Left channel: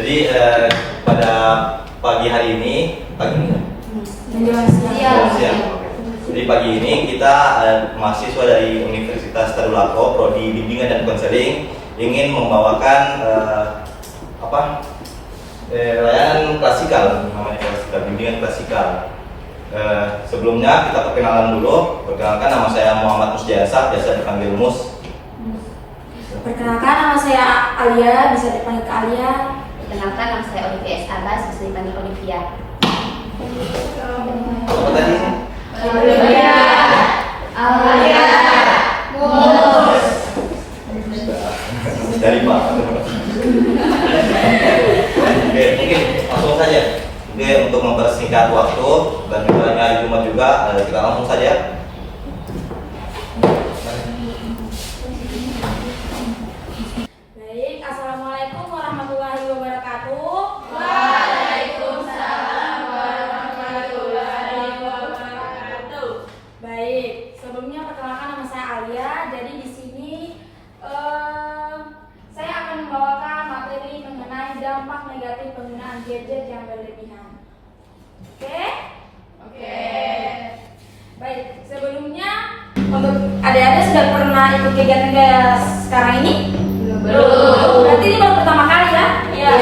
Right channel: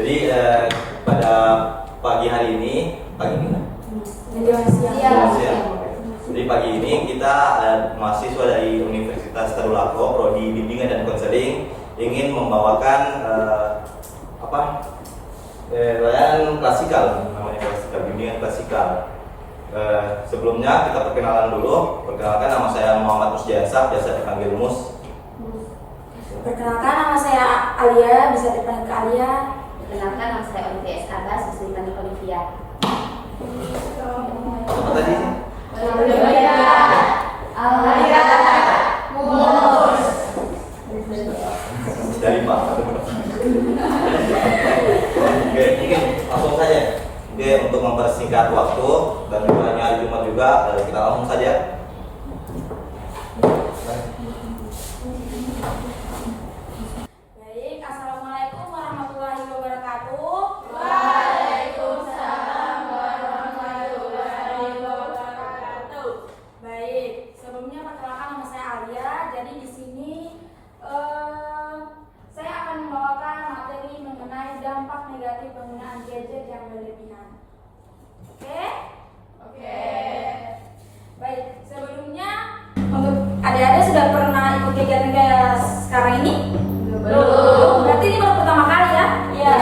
Jadi pada pagi hari ini, pagi ini kan? Siang. Jadi pagi ini kita mahasiswa dari Universitas Tadulako, Prodi Bimbingan dan Konseling ingin membawakan layanan klasikal, namanya klasikal, bimbingan klasikal. Sebelumnya kita perkenalan dulu. Perkenalkan, nama saya Muhammad Musjasa, biasa dipanggil Mus. Perkenalkan, nama saya Alia, bisa dipanggil Kak Alia. Perkenalkan, nama saya Olivia S. Abbas, bisa dipanggil Olivia. Apa tadi? Olivia, Alia, Mus. Dari Pak. Oke, mungkin langsung saja. Oke, untuk mempersingkat waktu dan juga hari Jumat juga, kita langsung saja. Baik, Assalamualaikum warahmatullahi wabarakatuh. Waalaikumsalam warahmatullahi wabarakatuh. Baik, sebelumnya perkenalkan, nama saya Alia. Jadi di sini saya akan membawakan materi mengenai dampak negatif penggunaan gadget yang berlebihan. Oke? Baik, sebelumnya untuk adik-adik sudah pernah ikut kegiatan sekarang ini? Belum. Berarti ini baru pertama kali ya? Iya.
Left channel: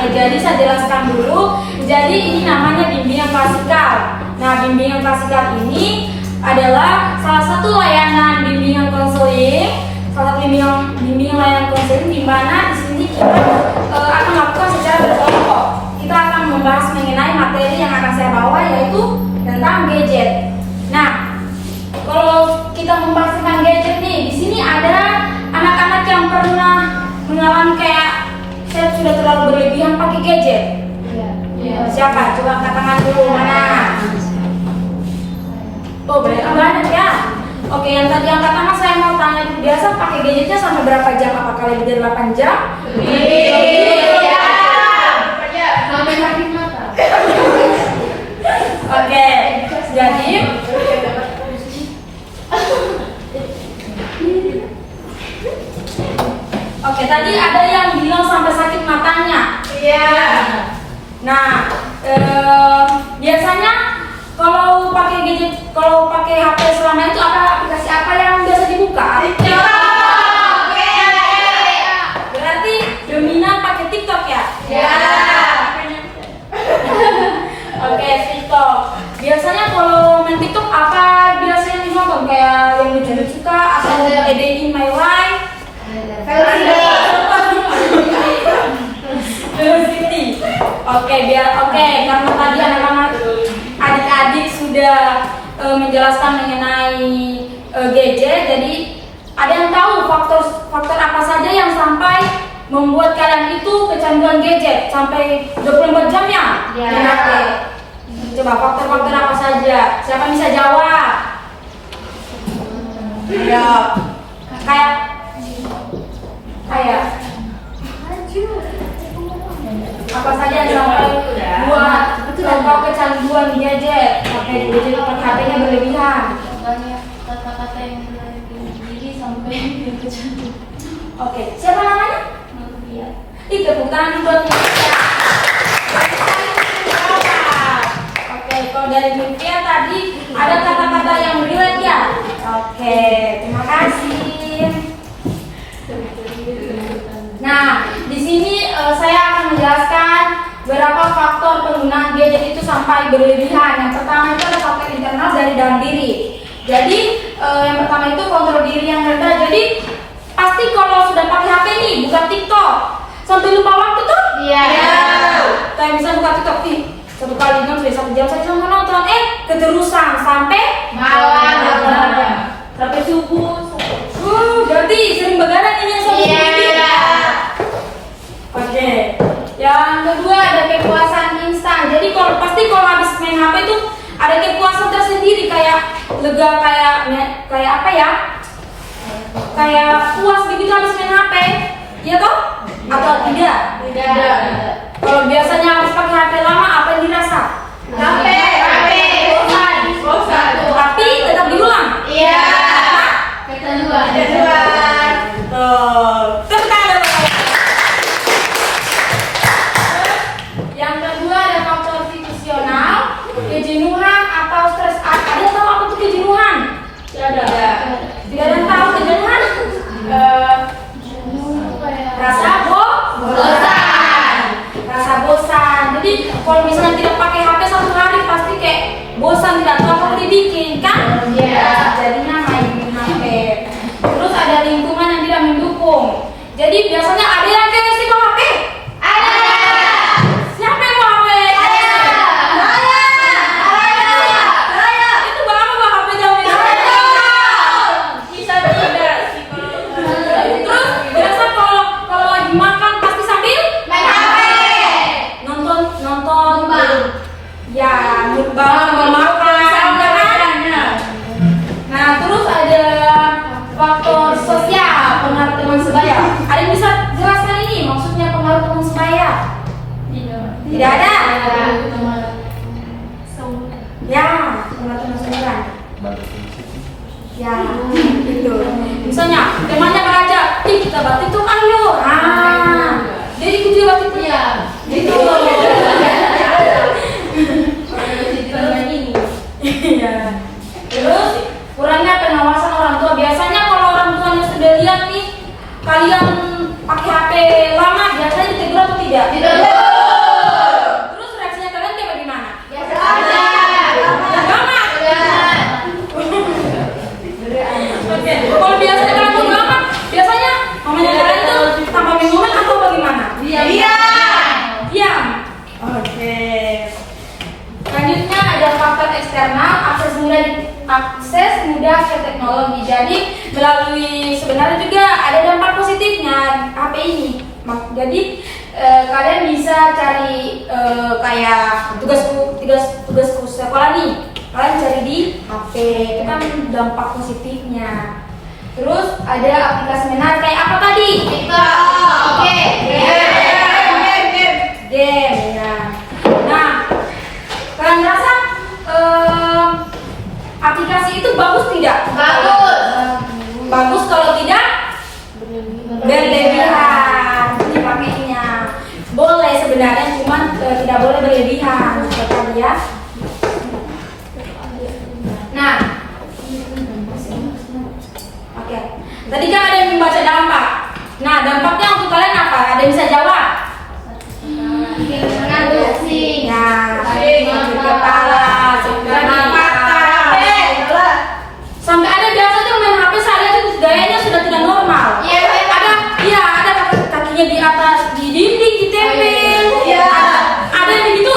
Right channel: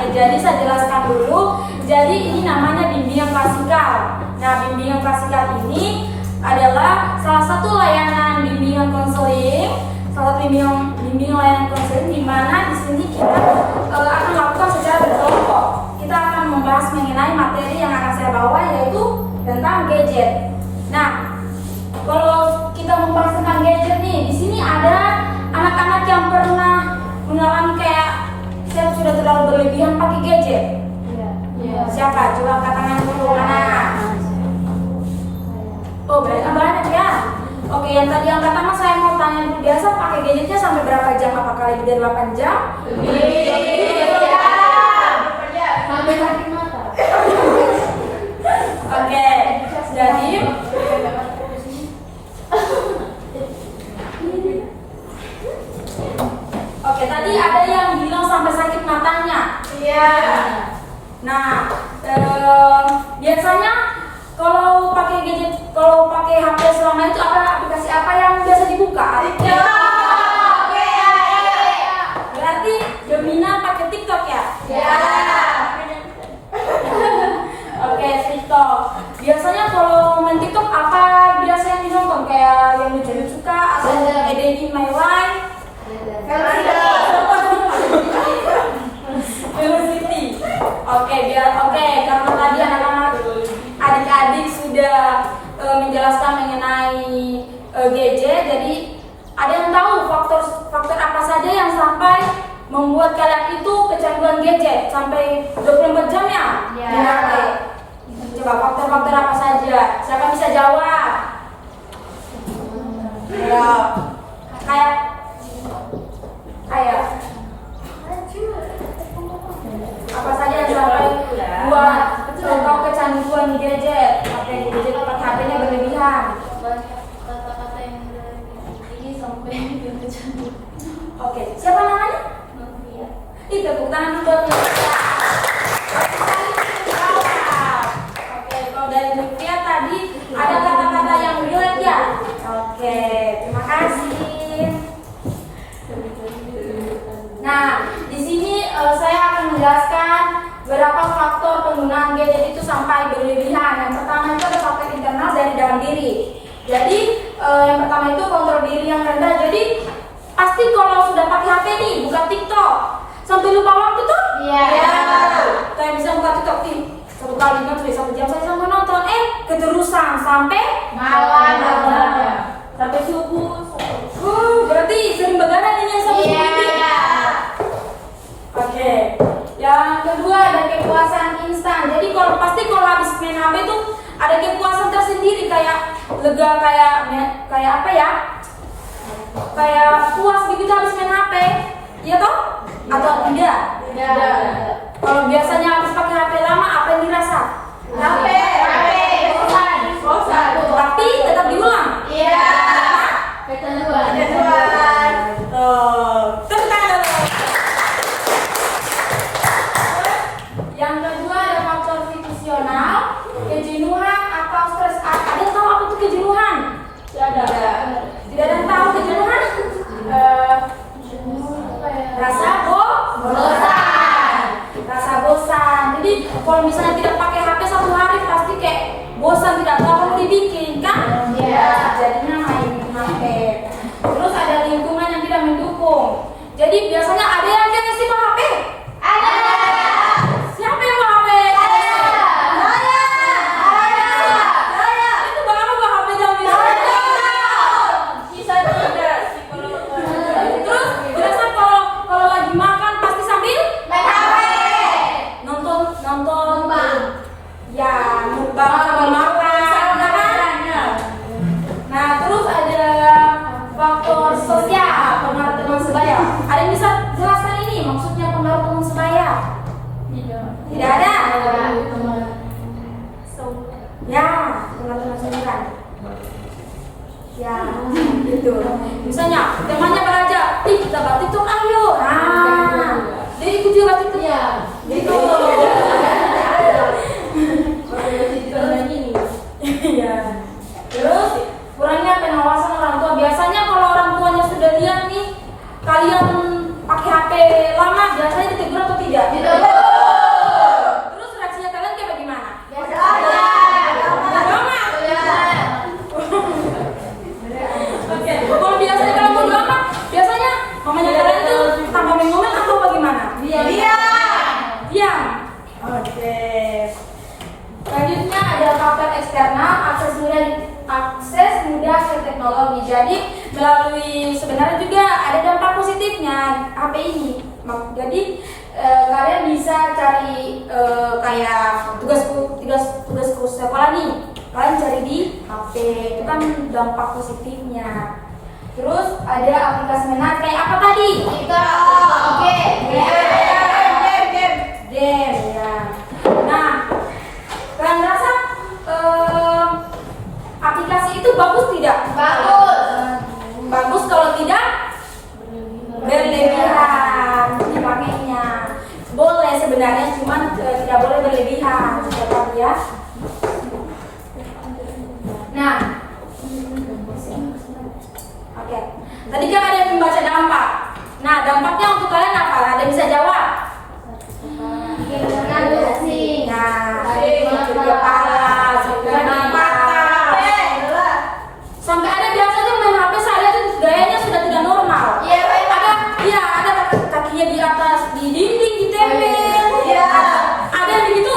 Oke, jadi saya jelaskan dulu. Jadi ini namanya bimbingan klasikal. Nah, bimbingan klasikal ini adalah salah satu layanan bimbingan konseling, bimbingan layanan konseling di mana di sini kita akan melakukan secara berkelompok. Kita akan membahas mengenai materi yang akan saya bawa, yaitu tentang gadget. Nah, kalau kita membahas tentang gadget nih, di sini ada anak-anak yang pernah mengalami kayak saya sudah terlalu berlebihan pakai gadget. Iya. Siapa? Coba angkat tangan dulu. Mana? Oh, berarti banyak ya. Oke, yang tadi angkat tangan saya mau tanya dulu, biasa pakai gadgetnya sampai berapa jam? Apakah lebih dari 8 jam? Iya. Sampai kaki mata. Oke, jadi oke, tadi ada yang bilang sampai sakit matanya. Iya. Nah, biasanya kalau pakai gadget, kalau pakai HP selama itu aplikasi apa yang biasa dibuka? Berarti dominan pakai TikTok ya? Iya. Oke, TikTok. Biasanya kalau main TikTok apa biasanya yang ditonton? Kayak yang lucu-lucu kah? Atau A Day in My Life? Velocity. Oke, karena tadi anak-anak adik-adik sudah menjelaskan mengenai gadget, jadi ada yang tahu faktor apa saja yang sampai membuat kalian itu kecanduan gadget sampai 24 jam ya? Iya. Main HP. Coba faktor-faktor apa saja? Siapa bisa jawab? Ayo. Kayak apa saja yang sampai buat contoh kecanduan di gadget, sampai gadget HP-nya berlebihan. Banyak kata-kata yang berlebihan diri sampai kecanduan. Oke, siapa namanya? Olivia. Tepuk tangan buat Olivia. Oke, kalau dari Olivia tadi ada kata-kata yang relate ya? Oke, terima kasih. Nah, di sini saya akan menjelaskan beberapa faktor penggunaan gadget itu sampai berlebihan. Yang pertama itu ada faktor internal dari dalam diri. Jadi yang pertama itu kontrol diri yang rendah. Jadi pasti kalau sudah pakai HP nih, buka TikTok sampai lupa waktu tuh? Iya. Kayak bisa buka TikTok nih, satu kali kan sudah 1 jam saya sampai nonton, keterusan sampai Malam. sampai subuh. Berarti sering begadang ini sampai subuh ini. Oke. Yang kedua ada kepuasan instan. Jadi kalau habis main HP itu ada kepuasan tersendiri, kayak lega, kayak apa ya? Kayak puas begitu habis main HP. Iya toh? Atau tidak? Tidak. Kalau biasanya habis pakai HP lama, apa yang dirasa? HP. Bosan. Tapi tetap diulang. Iya. Kecanduan. Tuh. Tepuk tangan. Tidak ada yang tahu kejadian. Rasa bosan. Rasa bosan. Jadi kalau misalnya tidak pakai HP satu hari pasti kayak bosan, tidak tahu apa dibikin kan? Iya. Jadinya main HP. Terus ada lingkungan yang tidak mendukung. Jadi biasanya ada yang kayak sih bawa HP. Ada. Siapa yang bawa HP? Ada. Saya. Itu bawa apa bawa HP jam ini? Bisa tidak. Terus biasa kalau lagi makan pasti sambil main HP. Nonton. Ya, mukbang makan. Nah, terus ada faktor sosial, pengaruh teman sebaya. Ada yang bisa jelaskan ini maksudnya pengaruh teman sebaya? Tidak ada. Ya, pengaruh teman sebaya. Ya, itu. Misalnya temannya belajar, kita batik tuh ayo. Jadi ikut juga batik tuh. Ya. Gitu. Iya. Terus kurangnya pengawasan orang tua. Biasanya kalau orang tuanya sudah lihat nih kalian pakai HP lama, biasanya ditegur atau tidak? Tidak. Terus reaksinya kalian kayak bagaimana? Biasa aja. Lama. Oke. Kalau biasanya kalian bodo amat, biasanya mamanya kalian itu tanpa ngomong atau bagaimana? Diam. Oke. Selanjutnya ada faktor eksternal, akses mudah ke teknologi. Jadi melalui sebenarnya juga ada dampak positifnya HP ini. Jadi kalian bisa cari kayak tugasku sekolah nih, kalian cari di HP, itu kan dampak positifnya. Terus ada aplikasi menarik kayak apa tadi? Game ya. Nah, kalian merasa aplikasi itu bagus tidak? Bagus kalau tidak berlebihan dipakainya. Boleh sebenarnya, cuman tidak boleh berlebihan tadi ya. Nah, oke. Tadi kan ada yang membaca dampak. Nah, dampaknya untuk kalian apa? Ada yang bisa jawab? Nah, sakit kepala, sakit mata, sampai ada biasa tuh main HP saya itu gayanya sudah tidak normal. Ada kakinya di atas di dinding ditempel. Ada yang begitu?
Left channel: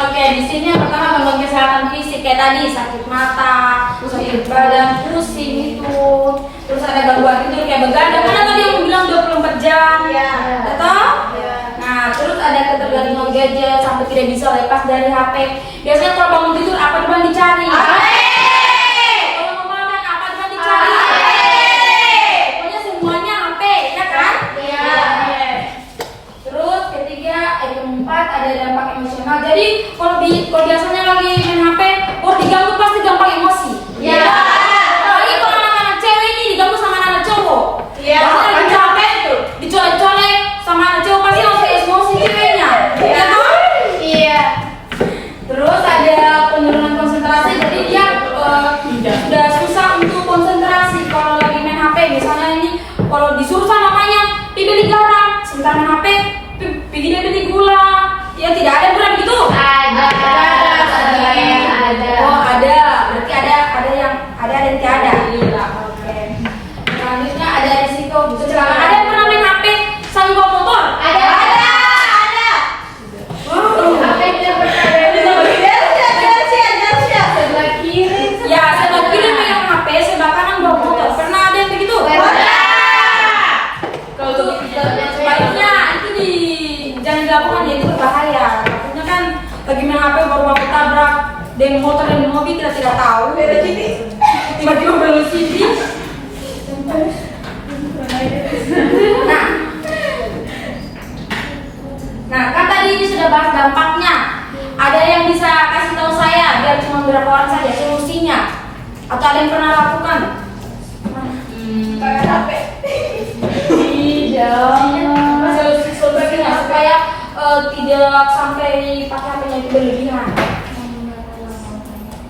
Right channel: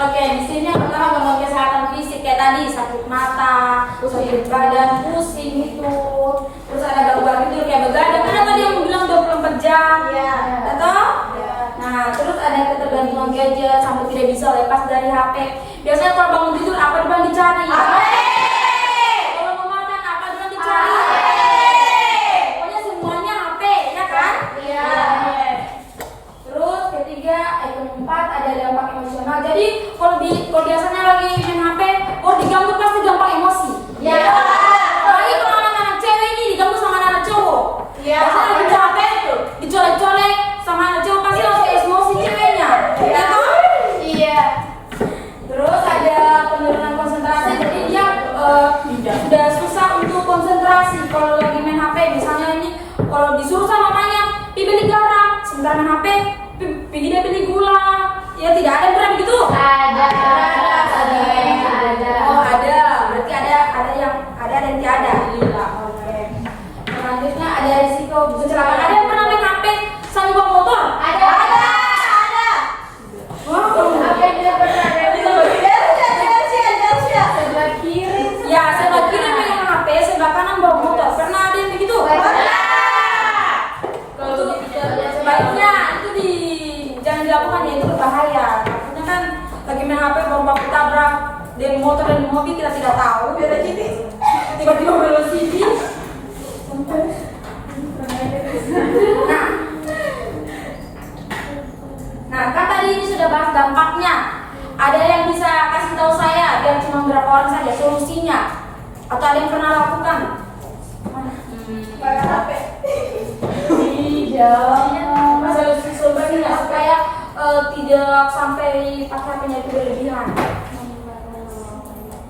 Oke, di sini yang pertama gangguan kesehatan fisik kayak tadi sakit mata, sakit badan, pusing itu. Terus ada gangguan tidur kayak begadang. Kan tadi yang bilang 24 jam. Betul? Nah, terus ada ketergantungan gadget sampai tidak bisa lepas dari HP. Biasanya kalau bangun tidur apa depan dicari? Kalau mau makan apa depan dicari? Pokoknya semuanya HP, ya kan? Terus keempat ada dampak emosional. Jadi kalau biasanya lagi main HP, diganggu pasti gampang emosi. Apalagi kalau anak-anak cewek ini diganggu sama anak cowok. Biasanya lagi capek tuh, dicolek-colek sama anak cowok pasti langsung emosi ceweknya. Ya kan? Terus ada penurunan konsentrasi. Jadi dia sudah susah untuk konsentrasi kalau lagi main HP. Misalnya ini kalau disuruh sama mamanya, beli garam, sebentar main HP, dia beli gula. Ya tidak ada berat gitu. Ada. Oh ada. Berarti ada yang tidak ada. Oke. Selanjutnya ada risiko kecelakaan. Ada yang pernah main HP sambil bawa motor? Ada. HP tidak pernah. Ya sebelah kiri megang HP, sebelah kanan bawa motor. Pernah ada yang begitu? Kalau sebaiknya itu jangan dilakukan ya, itu berbahaya. Takutnya kan lagi main HP baru tabrak dan motor dan mobil kita tidak tahu. Tiba-tiba velocity. Nah kan tadi ini sudah bahas dampaknya. Ada yang bisa kasih tahu saya biar cuma beberapa orang saja solusinya? Atau ada yang pernah lakukan? Pakai HP. Tidak. Solusinya supaya tidak sampai pakai HP-nya itu berlebihan.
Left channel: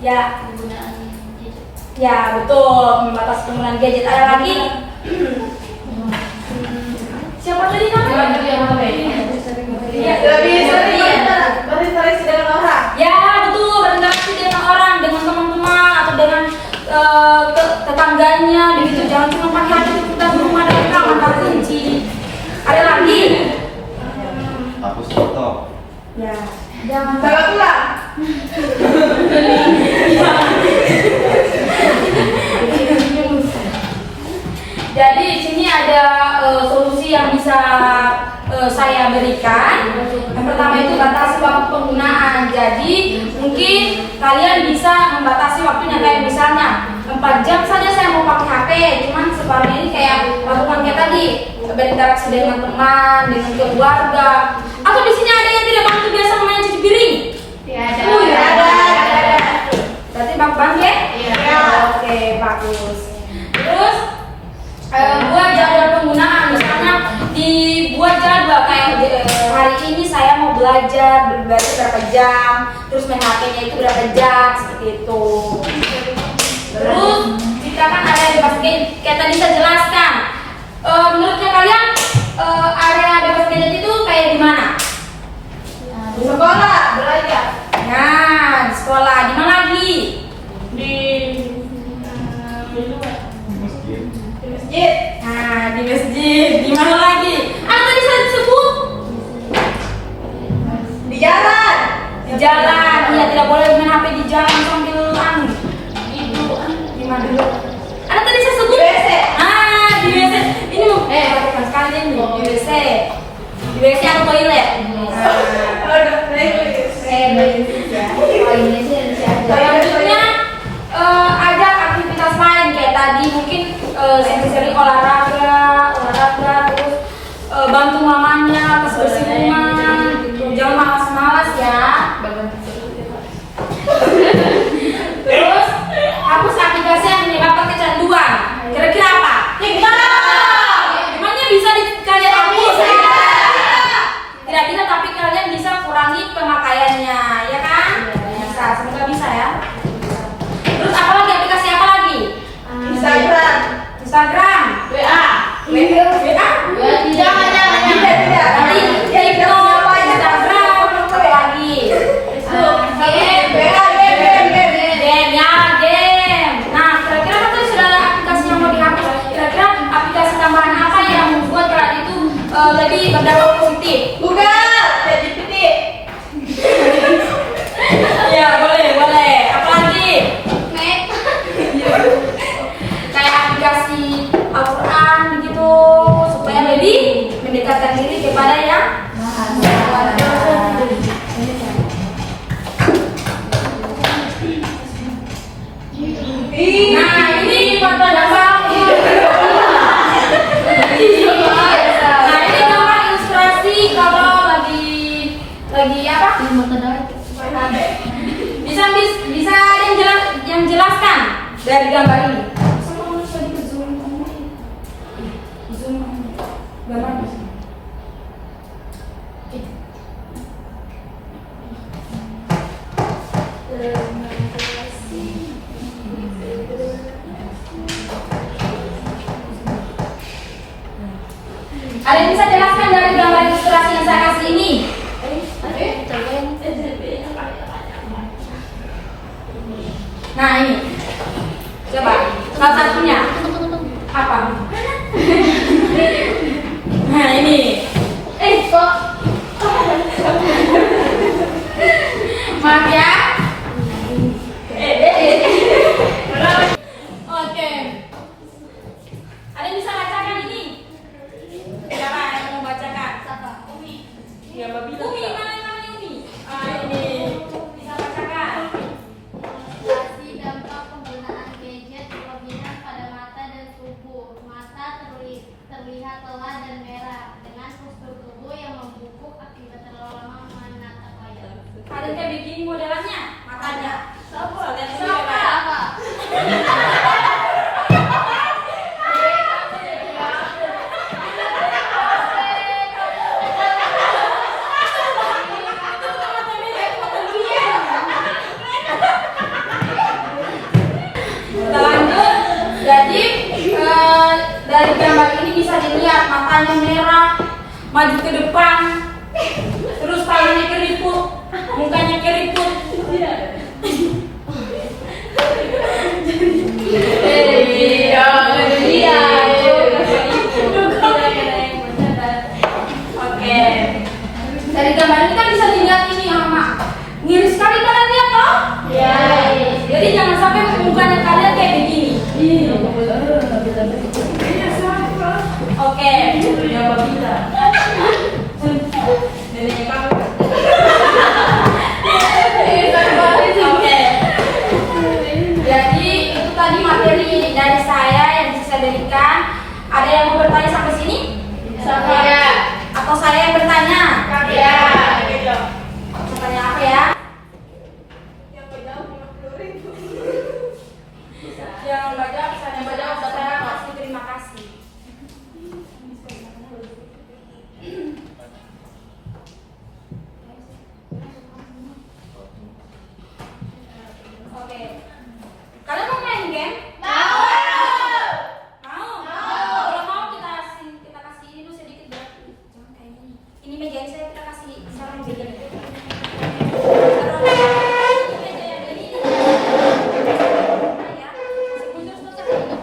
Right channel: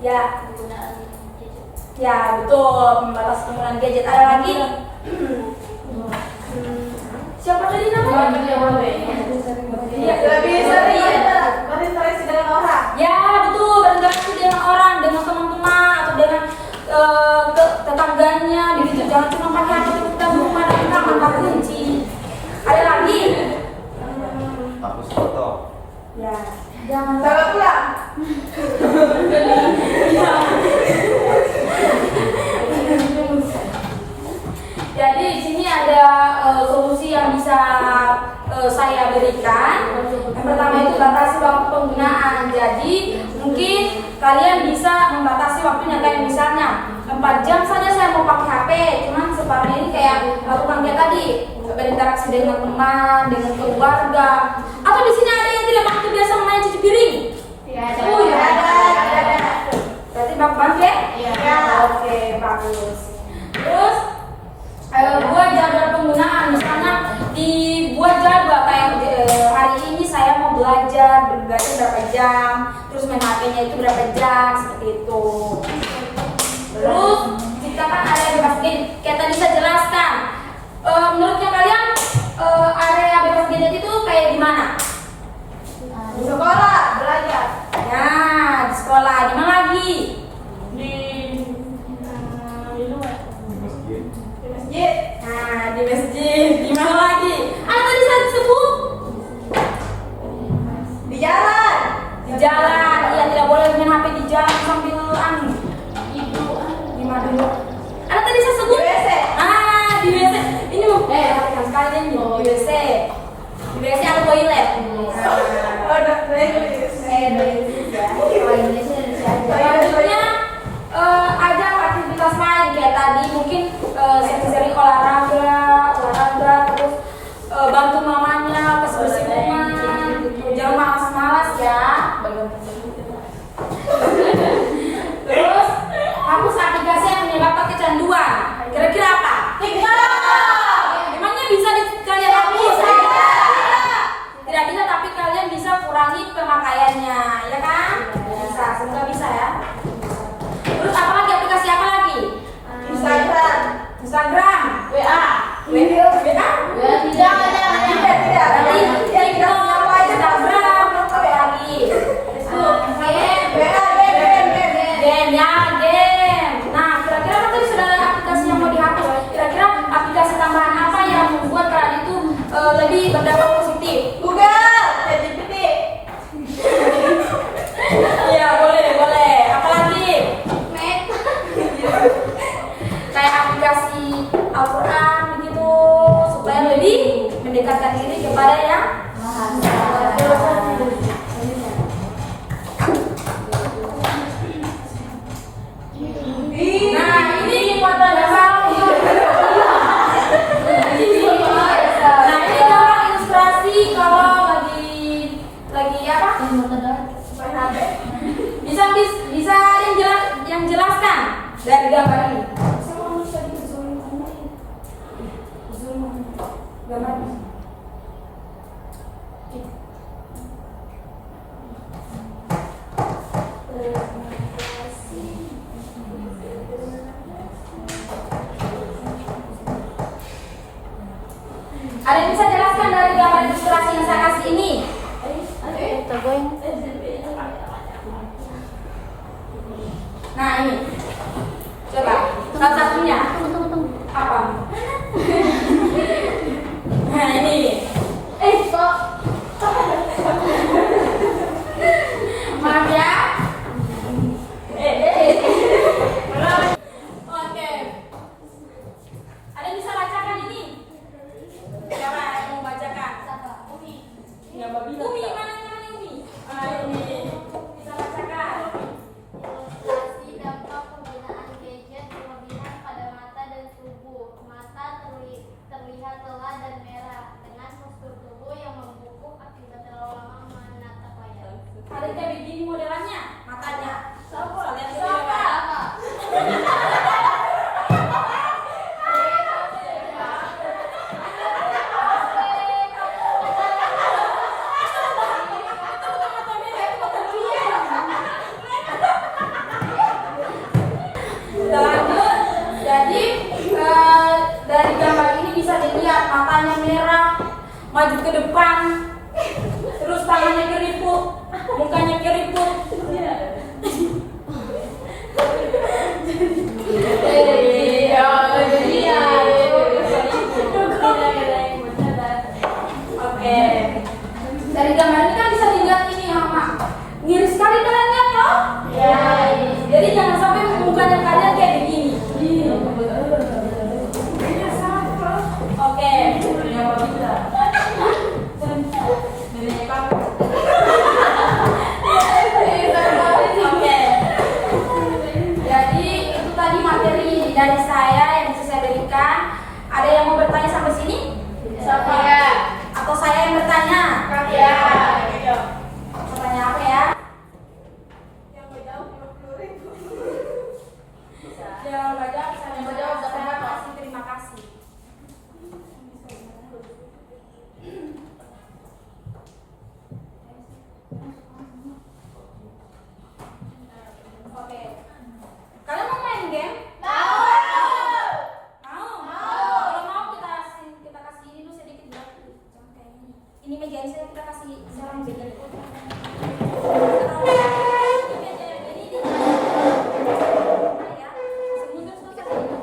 Ya, Penggunaan gadget. ya betul, membatasi penggunaan gadget. Ada lagi? Siapa tadi namanya? Iya, berinteraksi dengan orang. ya betul, berinteraksi dengan orang, dengan teman-teman atau dengan tetangganya, begitu. Jangan cuma pakai HP itu kita rumah dan orang tanpa kunci. Ada lagi? Hapus foto. Ya, jangan. Jangan pula. Jadi di sini ada solusi yang bisa saya berikan. Yang pertama itu batasi waktu penggunaan. Jadi mungkin kalian bisa membatasi waktunya, kayak misalnya 4 jam saja saya mau pakai HP, cuman separuhnya ini kayak lakukan kayak tadi, berinteraksi dengan teman, dengan keluarga. Atau di sini ada yang tidak bantu biasa main cuci piring? Ada. Berarti Bang Bang ya? Iya. Oke, bagus. Terus buat jadwal penggunaan, misalnya dibuat jadwal kayak hari ini saya mau belajar berapa jam, terus main HP-nya itu berapa jam, seperti itu. Terus kita kan ada bebas gadget, kayak tadi saya jelaskan. Menurutnya kalian area bebas gadget itu kayak di mana? Di sekolah belajar. Nah, di sekolah. Di mana lagi? Di luar. Masjid. Di masjid. Nah, di masjid. Di mana lagi? Ada tadi saya sebut Di jalan. di jalan. Ya, tidak boleh main HP di jalan sambil di mana dulu? Ada tadi saya sebut? Di WC. Ah, di WC. Ini mau sekali nih di WC. Di WC atau toilet? Oh, dokter Inggris. Selanjutnya ada aktivitas lain kayak tadi mungkin sering-sering olahraga terus bantu mamanya pas bersih rumah gitu. Jangan malas-malas ya. Terus hapus aplikasi yang menyebabkan kecanduan. Kira-kira apa? Emangnya bisa kalian hapus? Tidak bisa, tapi kalian bisa kurangi pemakaiannya, ya kan? Bisa, semoga bisa ya. Terus apa lagi, aplikasi apa lagi? Instagram. Instagram, WA. Jangan. Nanti TikTok, Instagram, apa lagi? Game. Nah, kira-kira kan tadi sudah ada aplikasi yang mau dihapus. Kira-kira aplikasi tambahan apa yang membuat kalian itu lebih berdampak positif? Google. ChatGPT. Iya, boleh. Apa lagi? Kayak aplikasi Al-Quran begitu, supaya lebih mendekatkan diri kepada yang nah, ini buat kamu. Nah, ini gambar ilustrasi kalau lagi apa? Bisa yang jelaskan dari gambar ini. Gambar ini. Ada yang bisa jelaskan dari gambar ilustrasi yang saya kasih ini? Nah, ini. Coba. Salah satunya. Apa? Nah, ini. Kok? Maaf ya. Oke. Ada yang bisa bacakan ini? Siapa yang mau bacakan? Umi. Ya, Mbak Bila. Umi, mana namanya Umi? Ini. Bisa bacakan. Ilustrasi dampak penggunaan gadget berlebihan pada mata dan tubuh. Mata terlihat lelah dan merah dengan dari gambar ini bisa dilihat matanya merah, maju ke depan, terus tangannya keriput, mukanya keriput. Oke. Dari gambar ini kan bisa dilihat ini ya, Mak. Ngiri sekali tangannya toh? Iya. Jadi jangan sampai mukanya kalian kayak begini. Oke. Neneknya Pak. Oke. Jadi itu tadi materi dari saya yang bisa saya berikan. Ada yang mau bertanya sampai sini? Saya. Atau saya yang bertanya? Ya. Pertanyaan apa ya? Yang baca, misalnya baca, saya kasih terima kasih. Oke. Kalian mau main game? Mau. Kalau mau kita kasih ini dulu sedikit berarti. Jangan kayak gini. Ini meja ini saya kita kasih saran begini. Ini meja yang ini. Ya, kasih mundur terus ini.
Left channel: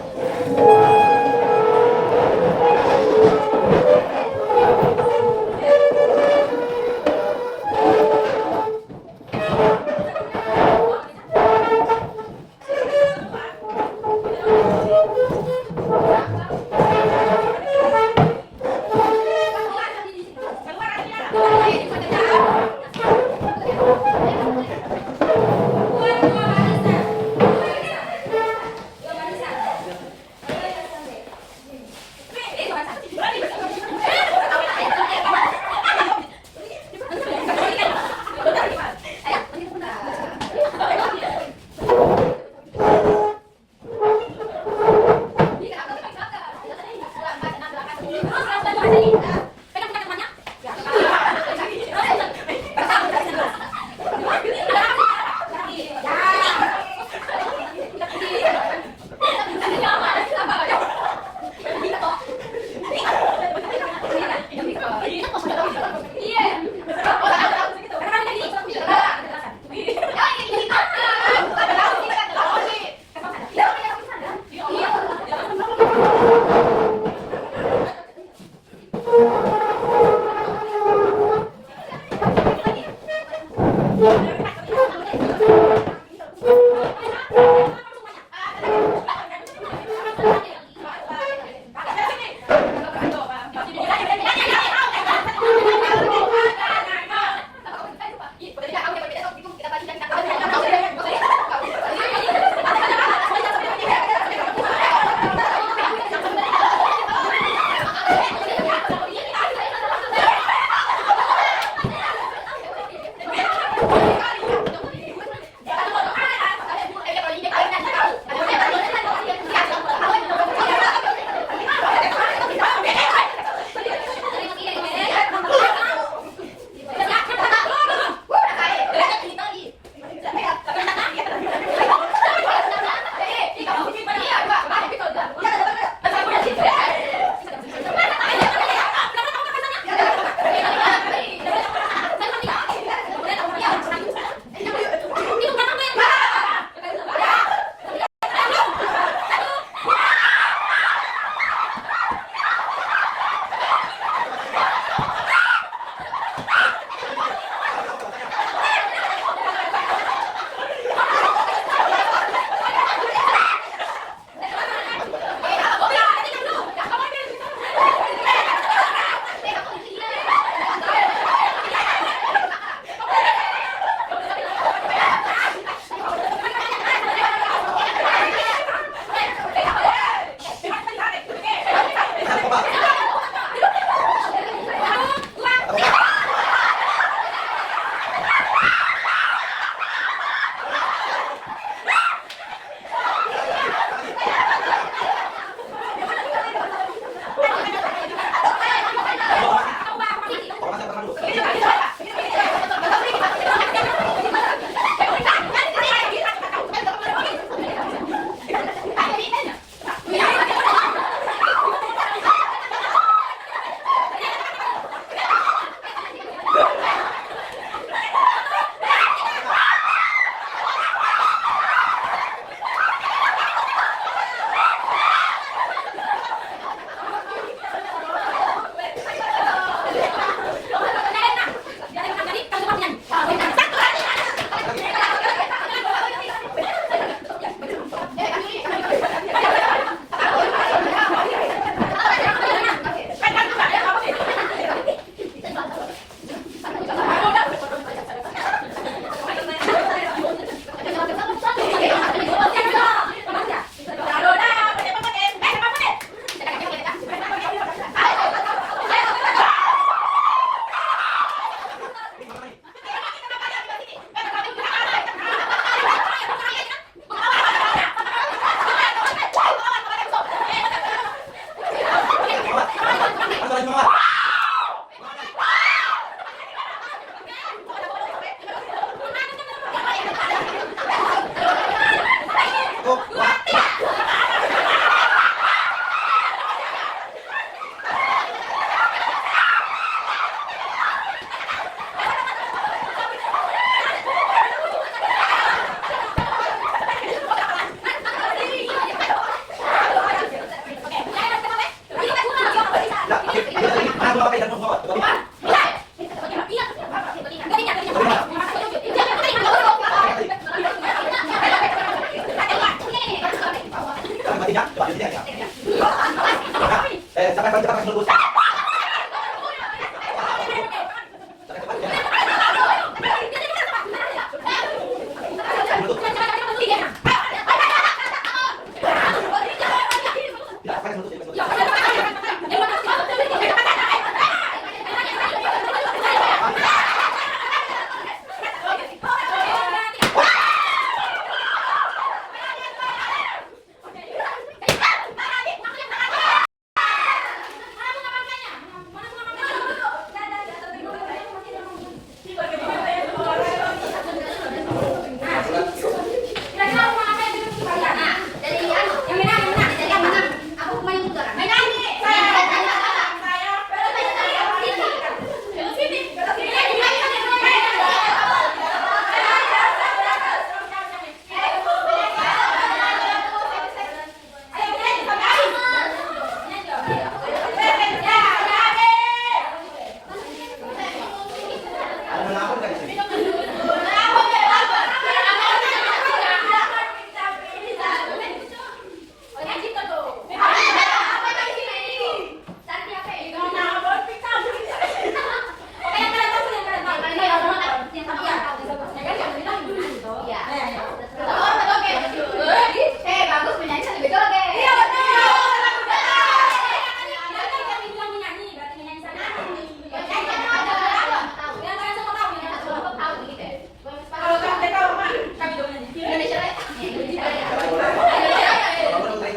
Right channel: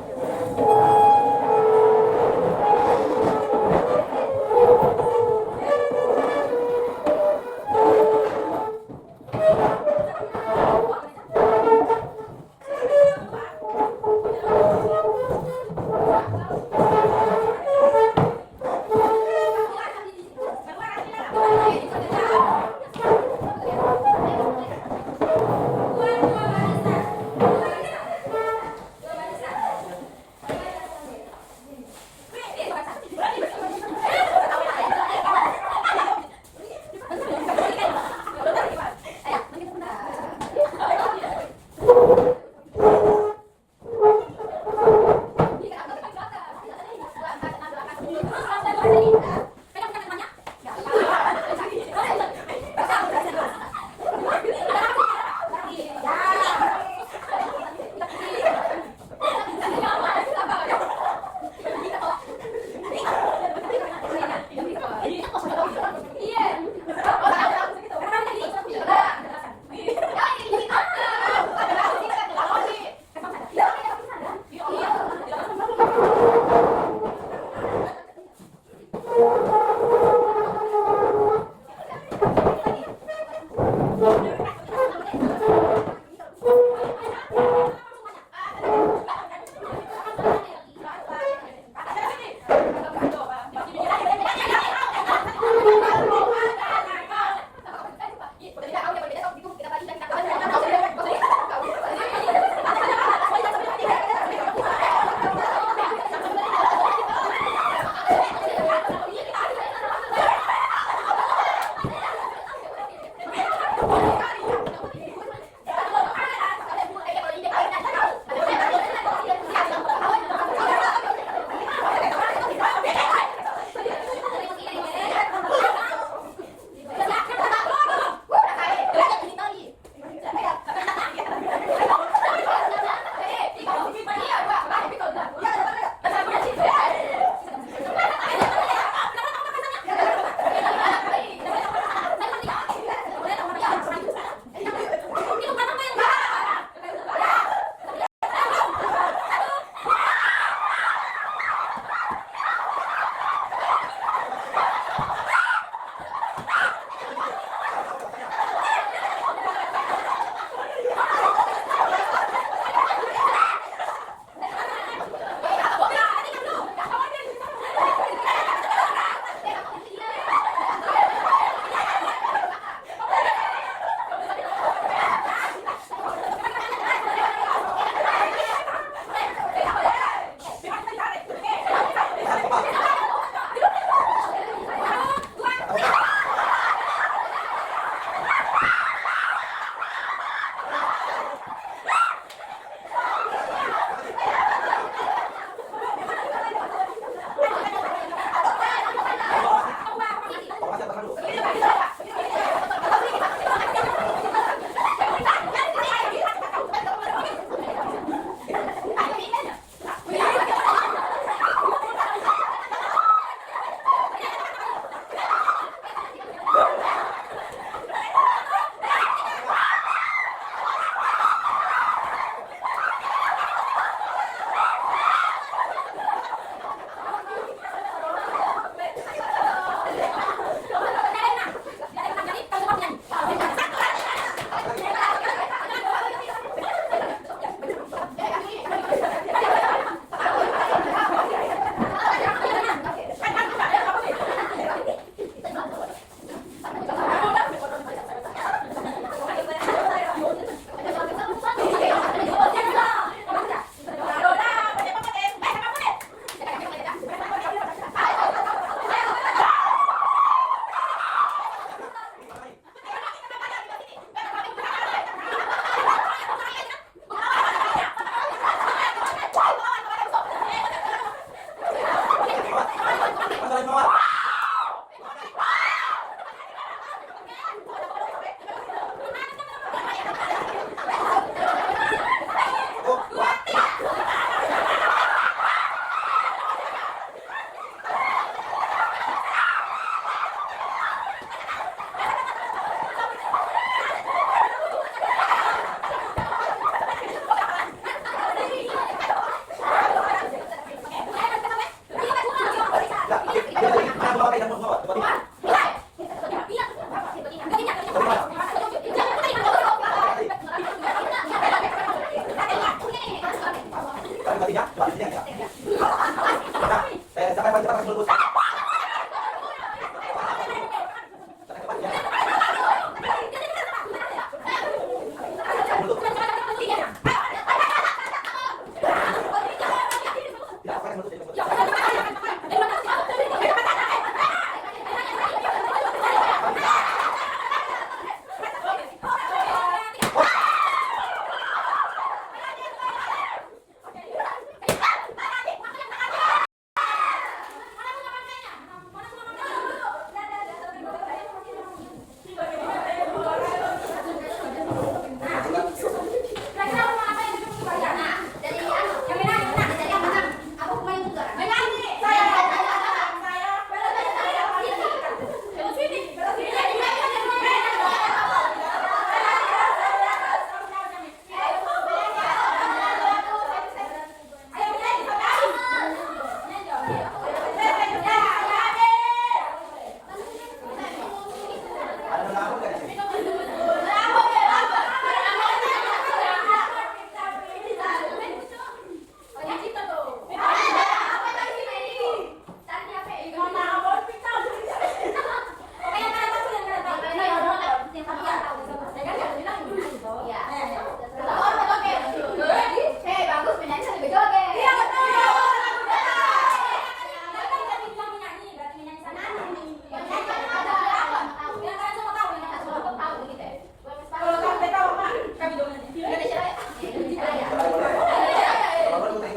pastinya. Coba di sini ya. Sampai cepat dulu.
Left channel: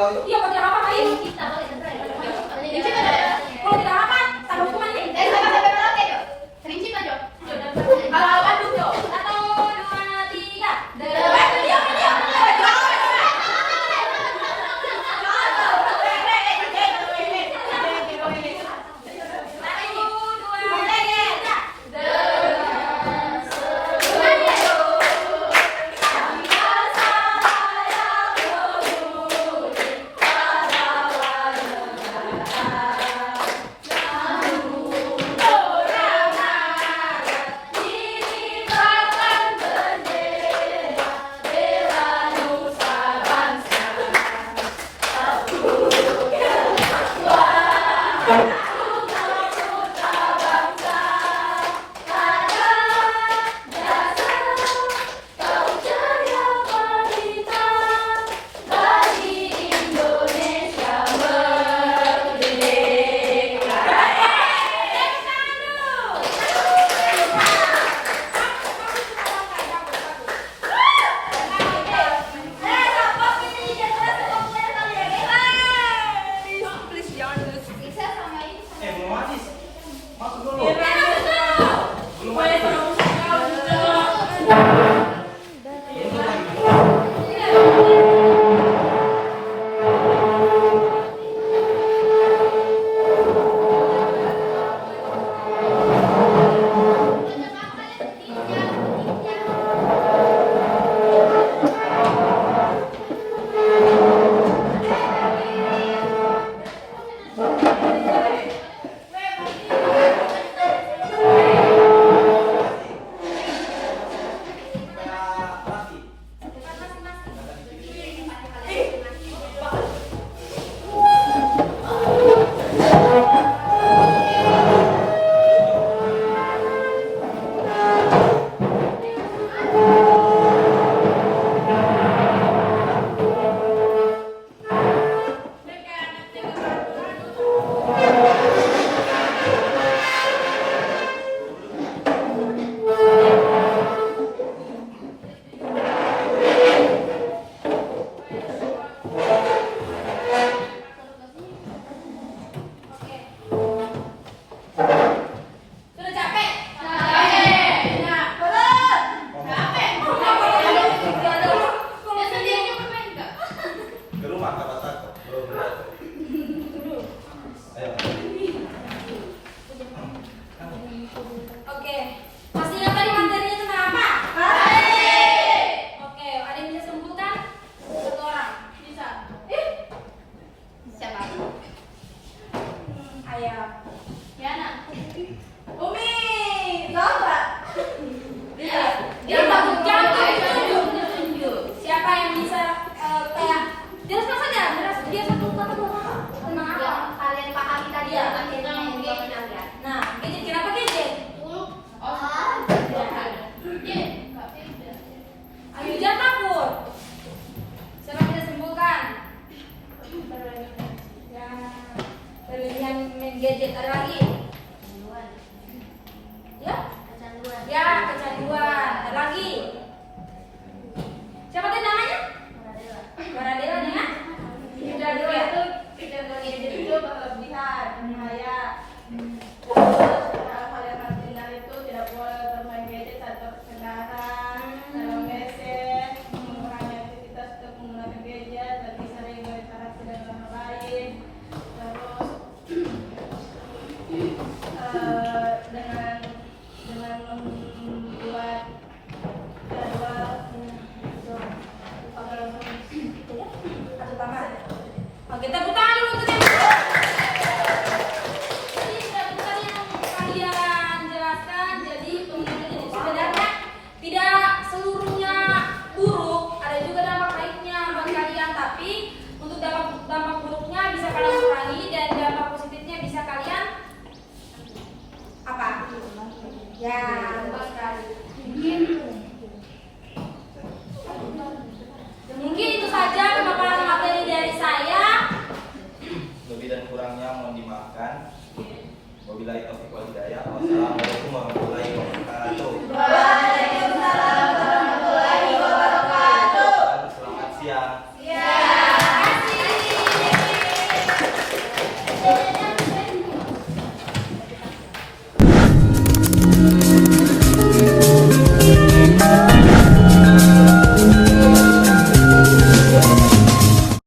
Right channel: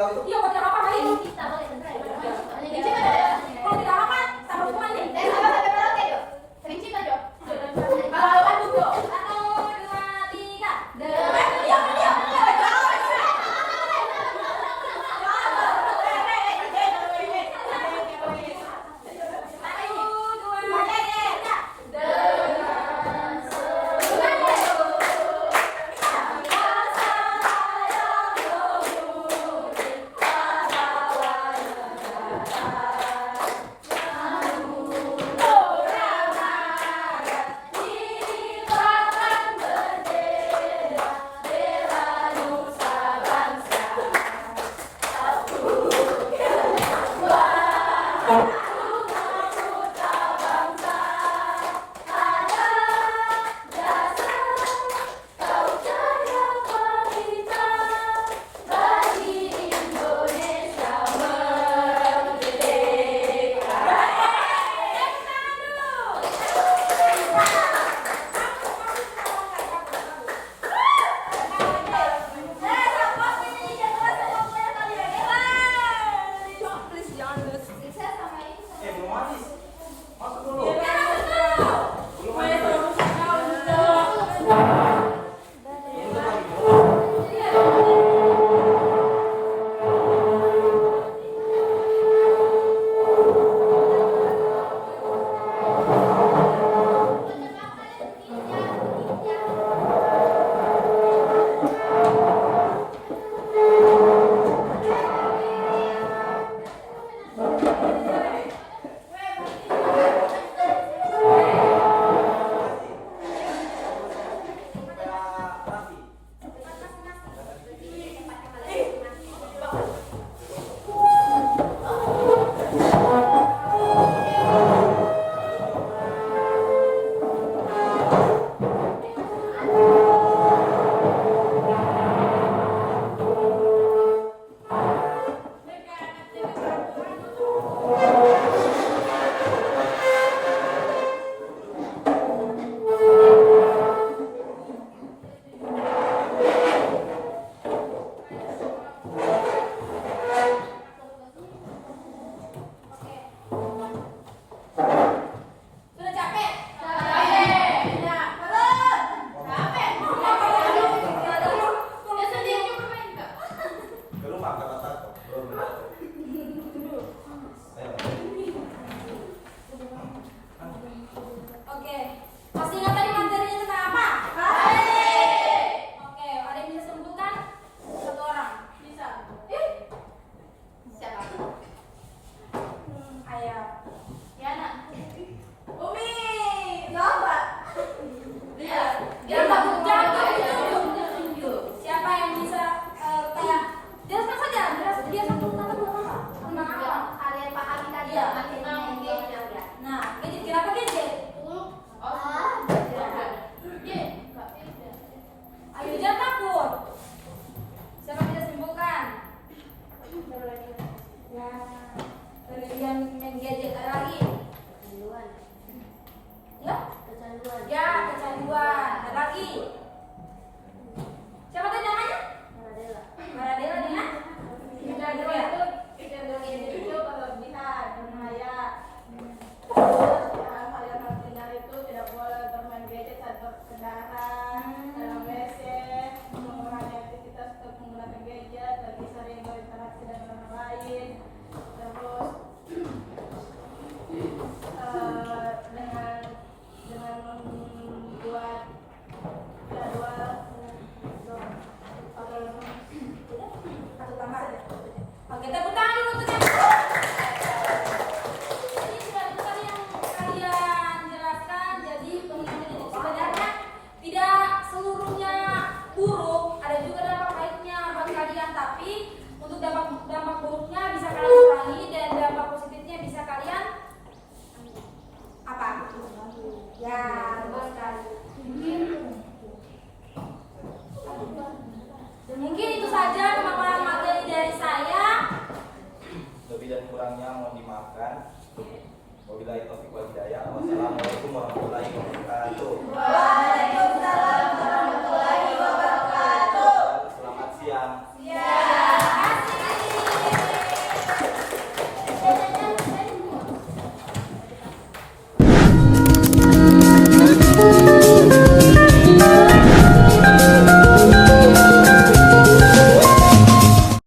Iya, mau tidak apa main. Kalau tidak apa, taruh hukuman nih. Kalau aduk dong. 1, 2, 3. gadget, ada lagi